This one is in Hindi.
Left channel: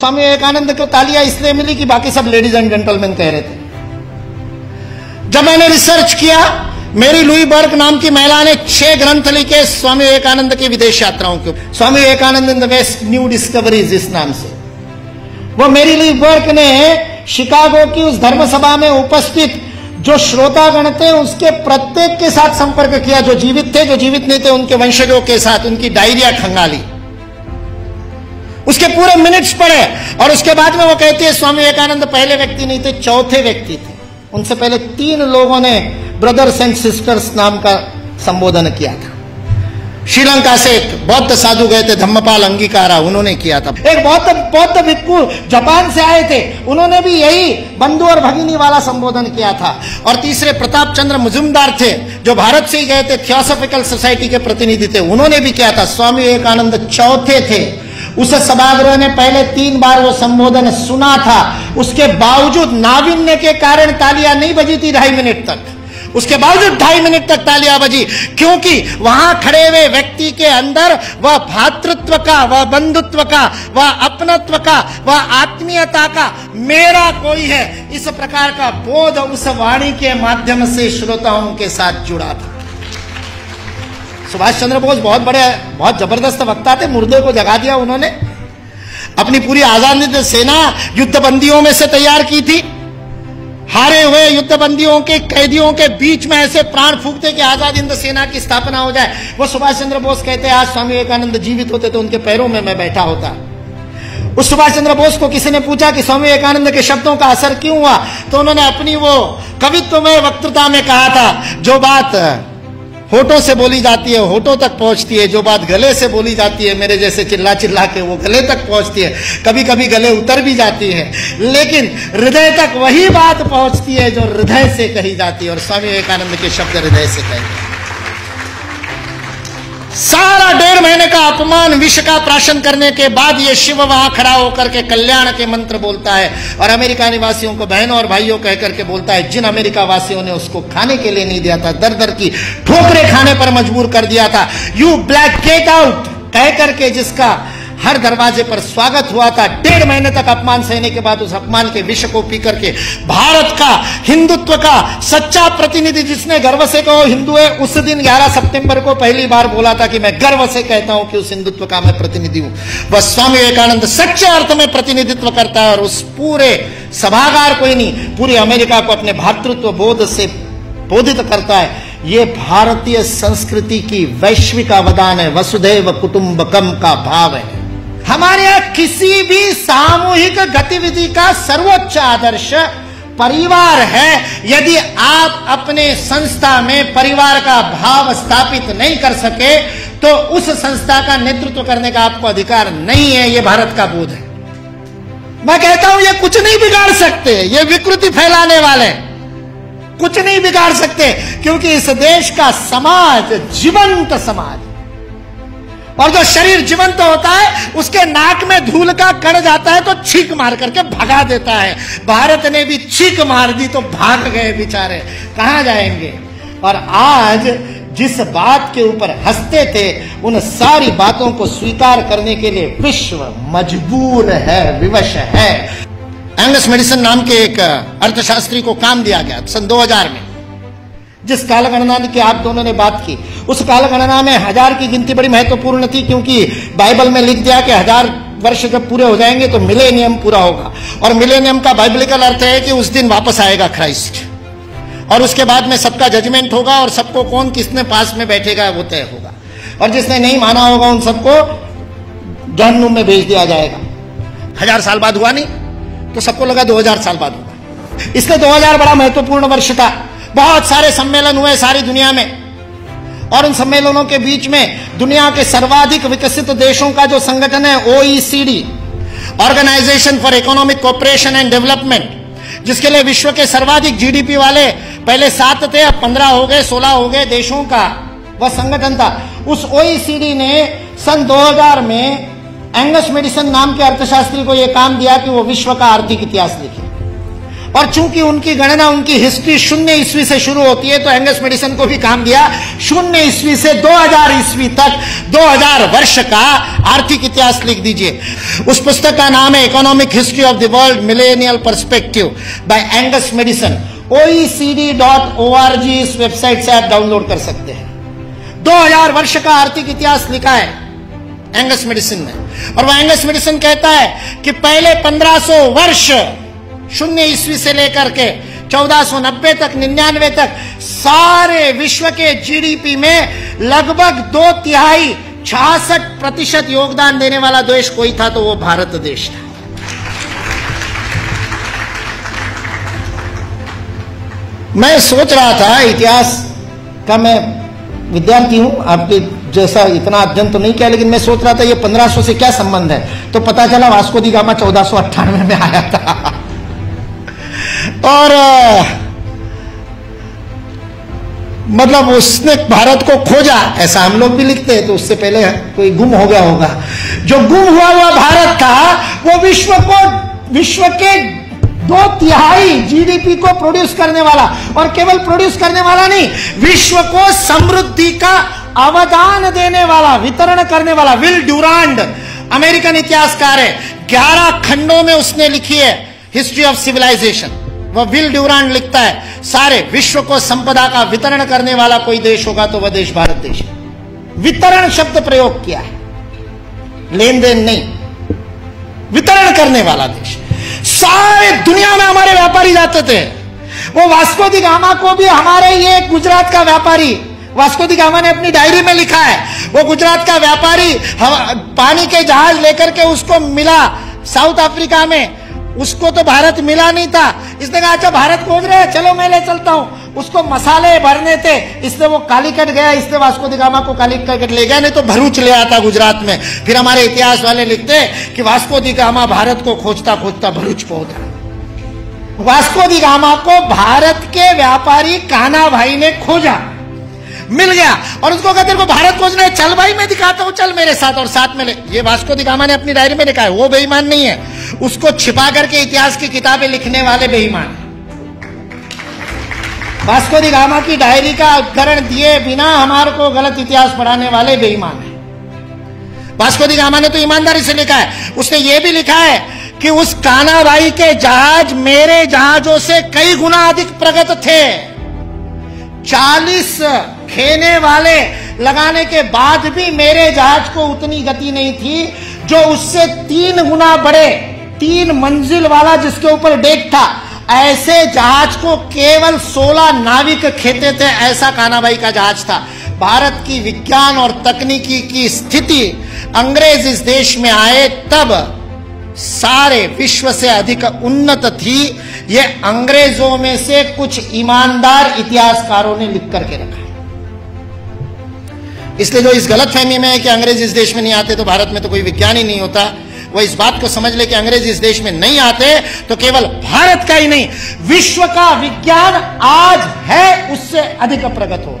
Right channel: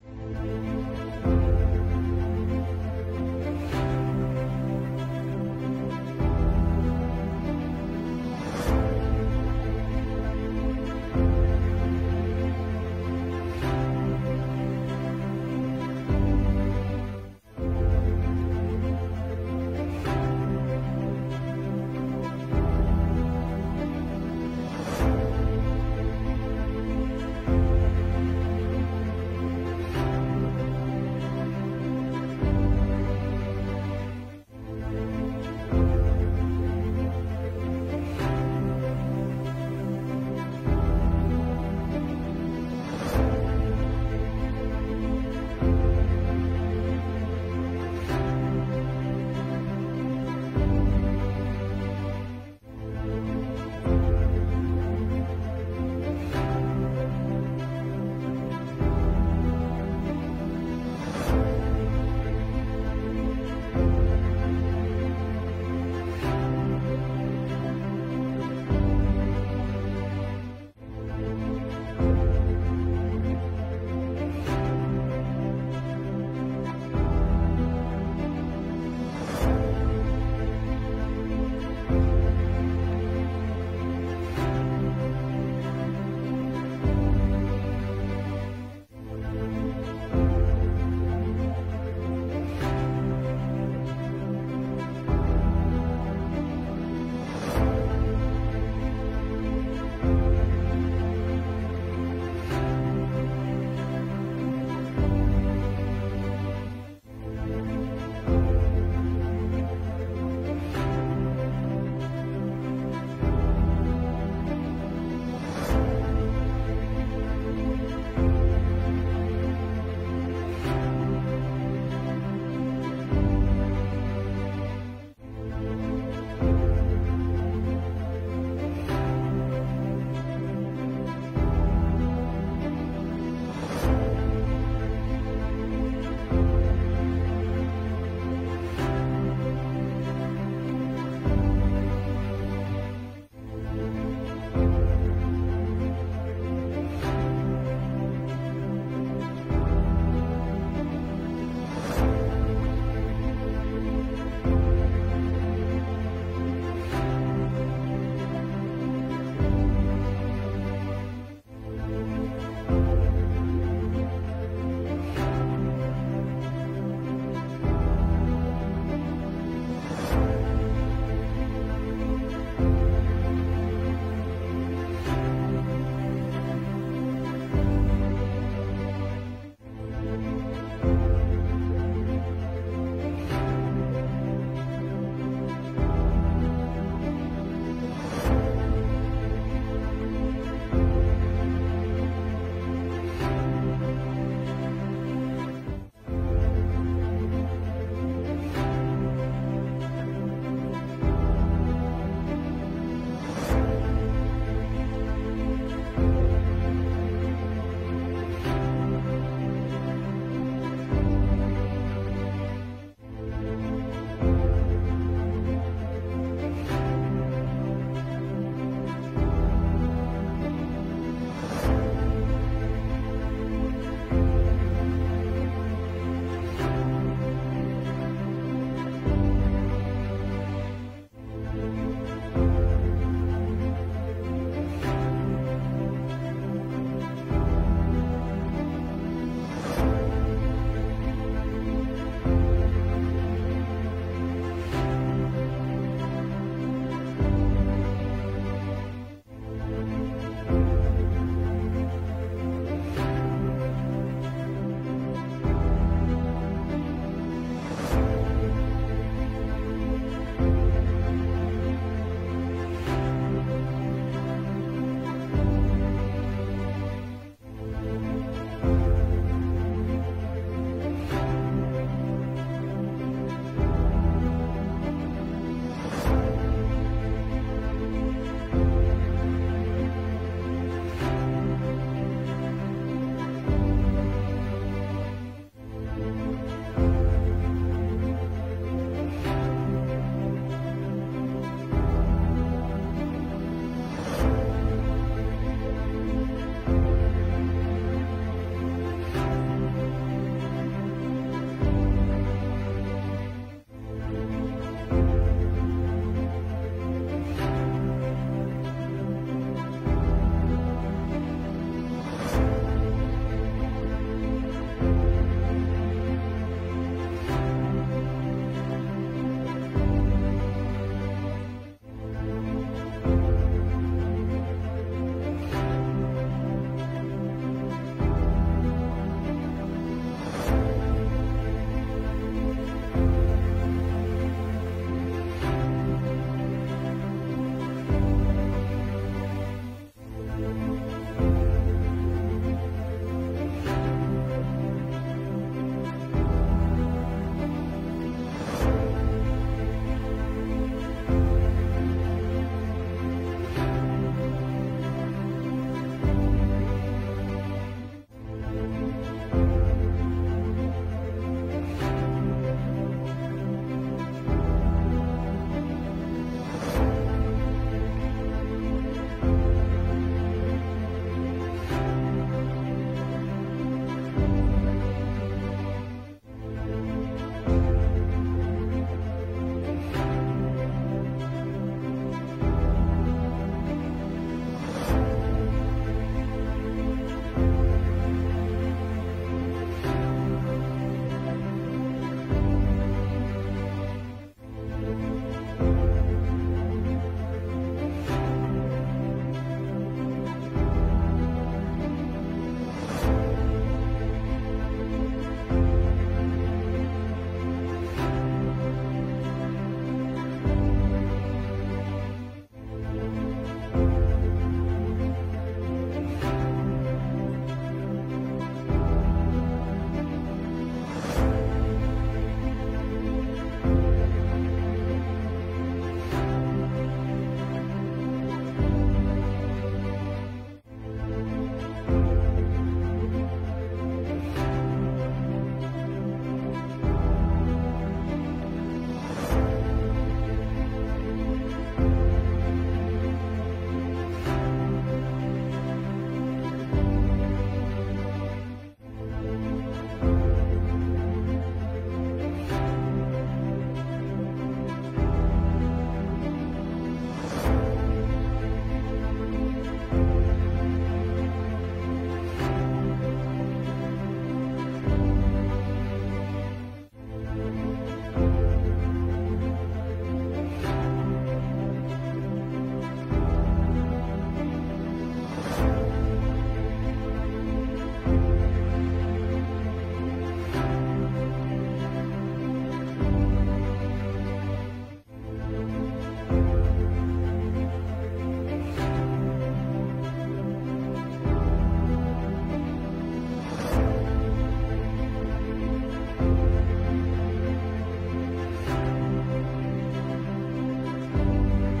स्वामी विवेकानंद को तालियां इसलिए मिली कि बाकी सब लेडीज एंड जेंटलमैन कह रहे थे। जब मैंने रिसर्च किया, मेरी लुई बर्क नाम की महिला ने 6 ग्रंथ लिखे स्वामी विवेकानंद की विदेश यात्राओं के। Swami Vivekananda in the West new discoveries इस नाम से। वो मेरी लुई बर्क ने शिकागो की उस धर्म सभा में उपस्थित जो श्रोतागण थे उसके प्रत्येक के साथ संपर्क किया, जो जीवित थे, जो जीवित नहीं थे उनके वंशजों के साथ, उनकी डायरिया खंगाली, उसके पूरे मिनट्स पढ़े। और उसके बाद में वो कहती है स्वामी विवेकानंद पहले व्यक्ति नहीं थे, चौथे व्यक्ति थे। उनसे पहले 3 लोगों ने ब्रदर्स एंड सिस्टर्स नाम का संबोधन किया था। श्रीलंका से एक बौद्ध साधु गए थे, धम्मपाल अंगीकारा, उन्होंने किया था। एक बौद्ध भिक्खु जापान से आए थे, उन्होंने भी यही बंधु और भगिनी वाला संबोधन किया था। और तीसरे प्रताप चंद्र मुजुमदार थे, जो भारत से ही गए थे, थियोसॉफिकल सोसाइटी के प्रतिनिधि थे, उन्होंने भी किया था। स्वामी विवेकानंद चौथे थे। उस सभागृह ने पहले 3 बार वो संबोधन सुना था, उसके बावजूद नाविन्य के कारण तालियां नहीं बजी थी 2.5 मिनट तक। उसके बावजूद 2.5 मिनट तक तालियां बजी, क्योंकि वहां खड़े हुए व्यक्ति के अंदर वह भातृत्व का, वह बंधुत्व का, वह अपनत्व का, वह आत्मीयता का, मेरा कोई है, इस प्रकार का बोध उस वाणी के माध्यम से श्रोताओं के साथ जुड़ा था। सुभाष चंद्र बोस बहुत जबरदस्त वक्ता थे, मुर्दे को जगा दिया उन्होंने। अपनी पूरी आजादी सेना युद्धबंदियों में से तैयार की थी। हारे हुए युद्धबंदियों के कैदियों के बीच में ऐसे प्राण फूंकते कि आजाद हिंद सेना की स्थापना हो जाए। वो सुभाष चंद्र बोस कहते हैं, आज स्वामी विवेकानंद जीवित होते तो उनके पैरों में मैं बैठा होता। उस सुभाष चंद्र बोस को किसी ने पूछा कि स्वामी विवेकानंद के शब्दों का असर क्यों हुआ, तो उन्होंने अपनी वो कवित्व में वक्तृता में कहा था, जो बात होठों से बोली जाती है होठों तक पहुंचती है, जो बात गले से बोली जाती है मेरे जैसे चिल्ला चिल्ला के वो गले तक पहुंचती है, कभी कभी गले उतर भी जाती है, लेकिन हृदय तक वही बात पहुंचती है जो हृदय से कही जाती है। और स्वामी विवेकानंद के शब्द हृदय से कहते। सारा 1.5 महीने का अपमान विष का प्राशन करने के बाद ये शिव वहां खड़ा होकर के कल्याण के मंत्र बोलता है और अमेरिका निवासियों को बहनों और भाइयों कह करके बोलता है, जिन अमेरिका वासियों ने उसको खाने के लिए नहीं दिया था, दर दर की ठोकरें खाने पर मजबूर कर दिया था, यू ब्लैक गेट आउट कह करके जिसका हर दरवाजे पर स्वागत हुआ था, 1.5 महीने तक अपमान सहने के बाद उस अपमान के विष को पी करके भारत का हिंदुत्व का सच्चा प्रतिनिधि, जिसने गर्व से कहो हिंदू है, उस दिन 11 सितंबर को पहली बार बोला था कि मैं गर्व से कहता हूं कि उस हिंदुत्व का मैं प्रतिनिधि हूं। वह स्वामी विवेकानंद सच्चे अर्थ में प्रतिनिधित्व करता है और उस पूरे सभागार को ही नहीं, पूरी अमेरिका को अपने भातृत्व बोध से बोधित करता है। ये भारतीय संस्कृति की वैश्विक अवदान है, वसुधैव कुटुंबकम का भाव है। हमारे यहां किसी भी सामूहिक गतिविधि का सर्वोच्च आदर्श परिवार है। यदि आप अपने संस्था में परिवार का भाव स्थापित नहीं कर सके तो उस संस्था का नेतृत्व करने का आपको अधिकार नहीं है। यह भारत का बोध है। मैं कहता हूं ये कुछ नहीं बिगाड़ सकते, ये विकृति फैलाने वाले कुछ नहीं बिगाड़ सकते, क्योंकि इस देश का समाज जीवंत समाज, और जो शरीर जीवंत होता है उसके नाक में धूल का कण जाता है तो छींक मार करके भगा देता है। भारत ने भी छींक मार दी तो भाग गए बेचारे, कहां जाएंगे। और आज जिस बात के ऊपर हंसते थे उन सारी बातों को स्वीकार करने के लिए विश्व मजबूर है, विवश है। एंगस मेडिसन नाम के एक अर्थशास्त्री को काम दिया गया सन 2000 में। जिस कालगणना की आप दोनों ने बात की, उस कालगणना में 1000 की गिनती बड़ी महत्वपूर्ण थी, क्योंकि बाइबल में लिख दिया कि 1000 वर्ष जब पूरे हो जाएंगे तो मिलेनियम पूरा होगा। और मिलेनियम का बाइबलिकल अर्थ है कि उस दिन वापस आएगा क्राइस्ट, और उसके बाद में सबका जजमेंट होगा और सबको कौन किसने पास में बैठेगा वो तय होगा, और जिसने नहीं माना होगा उन सबको जहन्नुम में भेज दिया जाएगा। 1000 साल बाद हुआ नहीं तो सबको लगा 2000 साल बाद होगा। इसलिए 2000 बड़ा महत्वपूर्ण वर्ष था। बहुत सारे सम्मेलन हुए सारी दुनिया में, और उन सम्मेलनों के बीच में दुनिया के सर्वाधिक विकसित देशों का जो संगठन है OECD, organisation for economic cooperation and development, जिसके लिए विश्व के सर्वाधिक GDP वाले पहले 7 थे, अब 15 हो गए, 16 हो गए देशों का वह संगठन था। उस OECD ने सन 2000 में एंगस मेडिसन नाम के अर्थशास्त्री को यह काम दिया कि वो विश्व का आर्थिक इतिहास लिखे। और चूंकि उनकी गणना, उनकी हिस्ट्री 0 ईस्वी से शुरू होती है, तो एंगस मेडिसन को भी काम दिया 0 ईस्वी से 2000 ईस्वी तक 2000 वर्ष का आर्थिक इतिहास लिख दीजिए। उस पुस्तक का नाम है economic history of the world millennial perspective by Angus Maddison. OECD.org इस वेबसाइट से आप डाउनलोड कर सकते हैं। 2000 वर्ष का आर्थिक इतिहास लिखा है एंगस मेडिसन ने। और वह एंगस मेडिसन कहता है कि पहले 1500 वर्ष 0 ईस्वी से लेकर के 1490 तक, 99 तक, सारे विश्व के जीडीपी में लगभग 2/3 66% योगदान देने वाला देश कोई था तो वो भारत देश था। मैं सोच रहा था, इतिहास का मैं विद्यार्थी हूं, आपके जैसा इतना अध्ययन तो नहीं किया, लेकिन मैं सोच रहा था ये 1500 से क्या संबंध है। तो पता चला वास्को दी गामा 1498 में आया था और मतलब उसने भारत को खोजा, ऐसा हम लोग भी लिखते हैं। तो उससे पहले कोई गुम हो गया होगा। जो गुम हुआ भारत था वो विश्व के 2/3 जीडीपी को प्रोड्यूस करने वाला, और केवल प्रोड्यूस करने वाला नहीं, विश्व को समृद्धि का अवदान देने वाला, वितरण करने वाला। विल ड्यूरांड अमेरिकन इतिहासकार है, 11 खंडों में उसने लिखी है हिस्ट्री ऑफ सिविलाइजेशन। वह विल ड्यूरांड लिखता है सारे विश्व को संपदा का वितरण करने वाला कोई देश होगा तो वह देश भारत देश है। वितरण शब्द प्रयोग किया है, लेन देन नहीं, वितरण करने वाला देश। सारे दुनिया में हमारे व्यापारी जाते थे। वो वास्को दी गामा को भी हमारे ये गुजरात का व्यापारी, वास्को दी गामा ने अपनी डायरी में लिखा है, वो गुजरात का व्यापारी पानी के जहाज लेकर के उसको मिला साउथ अफ्रीका में, उसको तो भारत मिला नहीं था। इसने कहा अच्छा भारत खोज रहे हैं, चलो मैं ले चलता हूं। उसको मसाले भरने थे, इससे वो कालीकट गया, इससे वास्को दी गामा को कालीकट ले गया, नहीं तो भरूच ले आता गुजरात में। फिर हमारे इतिहास वाले लिखते हैं कि वास्को दी गामा भारत को खोजता खोजता भरूच पहुंच गया। वास्को दी गामा को भारत के व्यापारी कान्हा भाई ने खोजा, मिल गया, और उसको कहते हैं भारत खोजने, चल भाई मैं दिखाता हूं, चल मेरे साथ, और साथ में ले। ये वास्को दी गामा ने अपनी डायरी में लिखा है, वो बेईमान नहीं है, उसको छिपा करके इतिहास की किताबें लिखने वाले बेईमान है। वास्को दी गामा की डायरी का उद्धरण दिए बिना हमारे को गलत इतिहास पढ़ाने वाले बेईमान है। वास्को दी गामा ने तो ईमानदारी से लिखा है, उसने ये भी लिखा है कि उस कान्हा भाई के जहाज मेरे जहाजों से कई गुना अधिक प्रगत थे। 40 खेने वाले लगाने के बाद भी मेरे जहाज को उतनी गति नहीं थी जो उससे 3 गुना बड़े, 3 मंजिल वाला जिसके ऊपर डेक था, ऐसे जहाज को केवल 16 नाविक खेते थे। ऐसा कान्हा भाई का जहाज था। भारत की विज्ञान और तकनीकी की स्थिति अंग्रेज इस देश में आए तब सारे विश्व से अधिक उन्नत थी। ये अंग्रेजों में से कुछ ईमानदार इतिहासकारों ने लिख करके रखा। इसलिए जो इस गलतफहमी में है कि अंग्रेज इस देश में नहीं आते तो भारत में तो कोई विज्ञान ही नहीं होता, वो इस बात को समझ ले कि अंग्रेज इस देश में नहीं आते तो केवल भारत का ही नहीं, विश्व का विज्ञान आज है उससे अधिक प्रगत हो।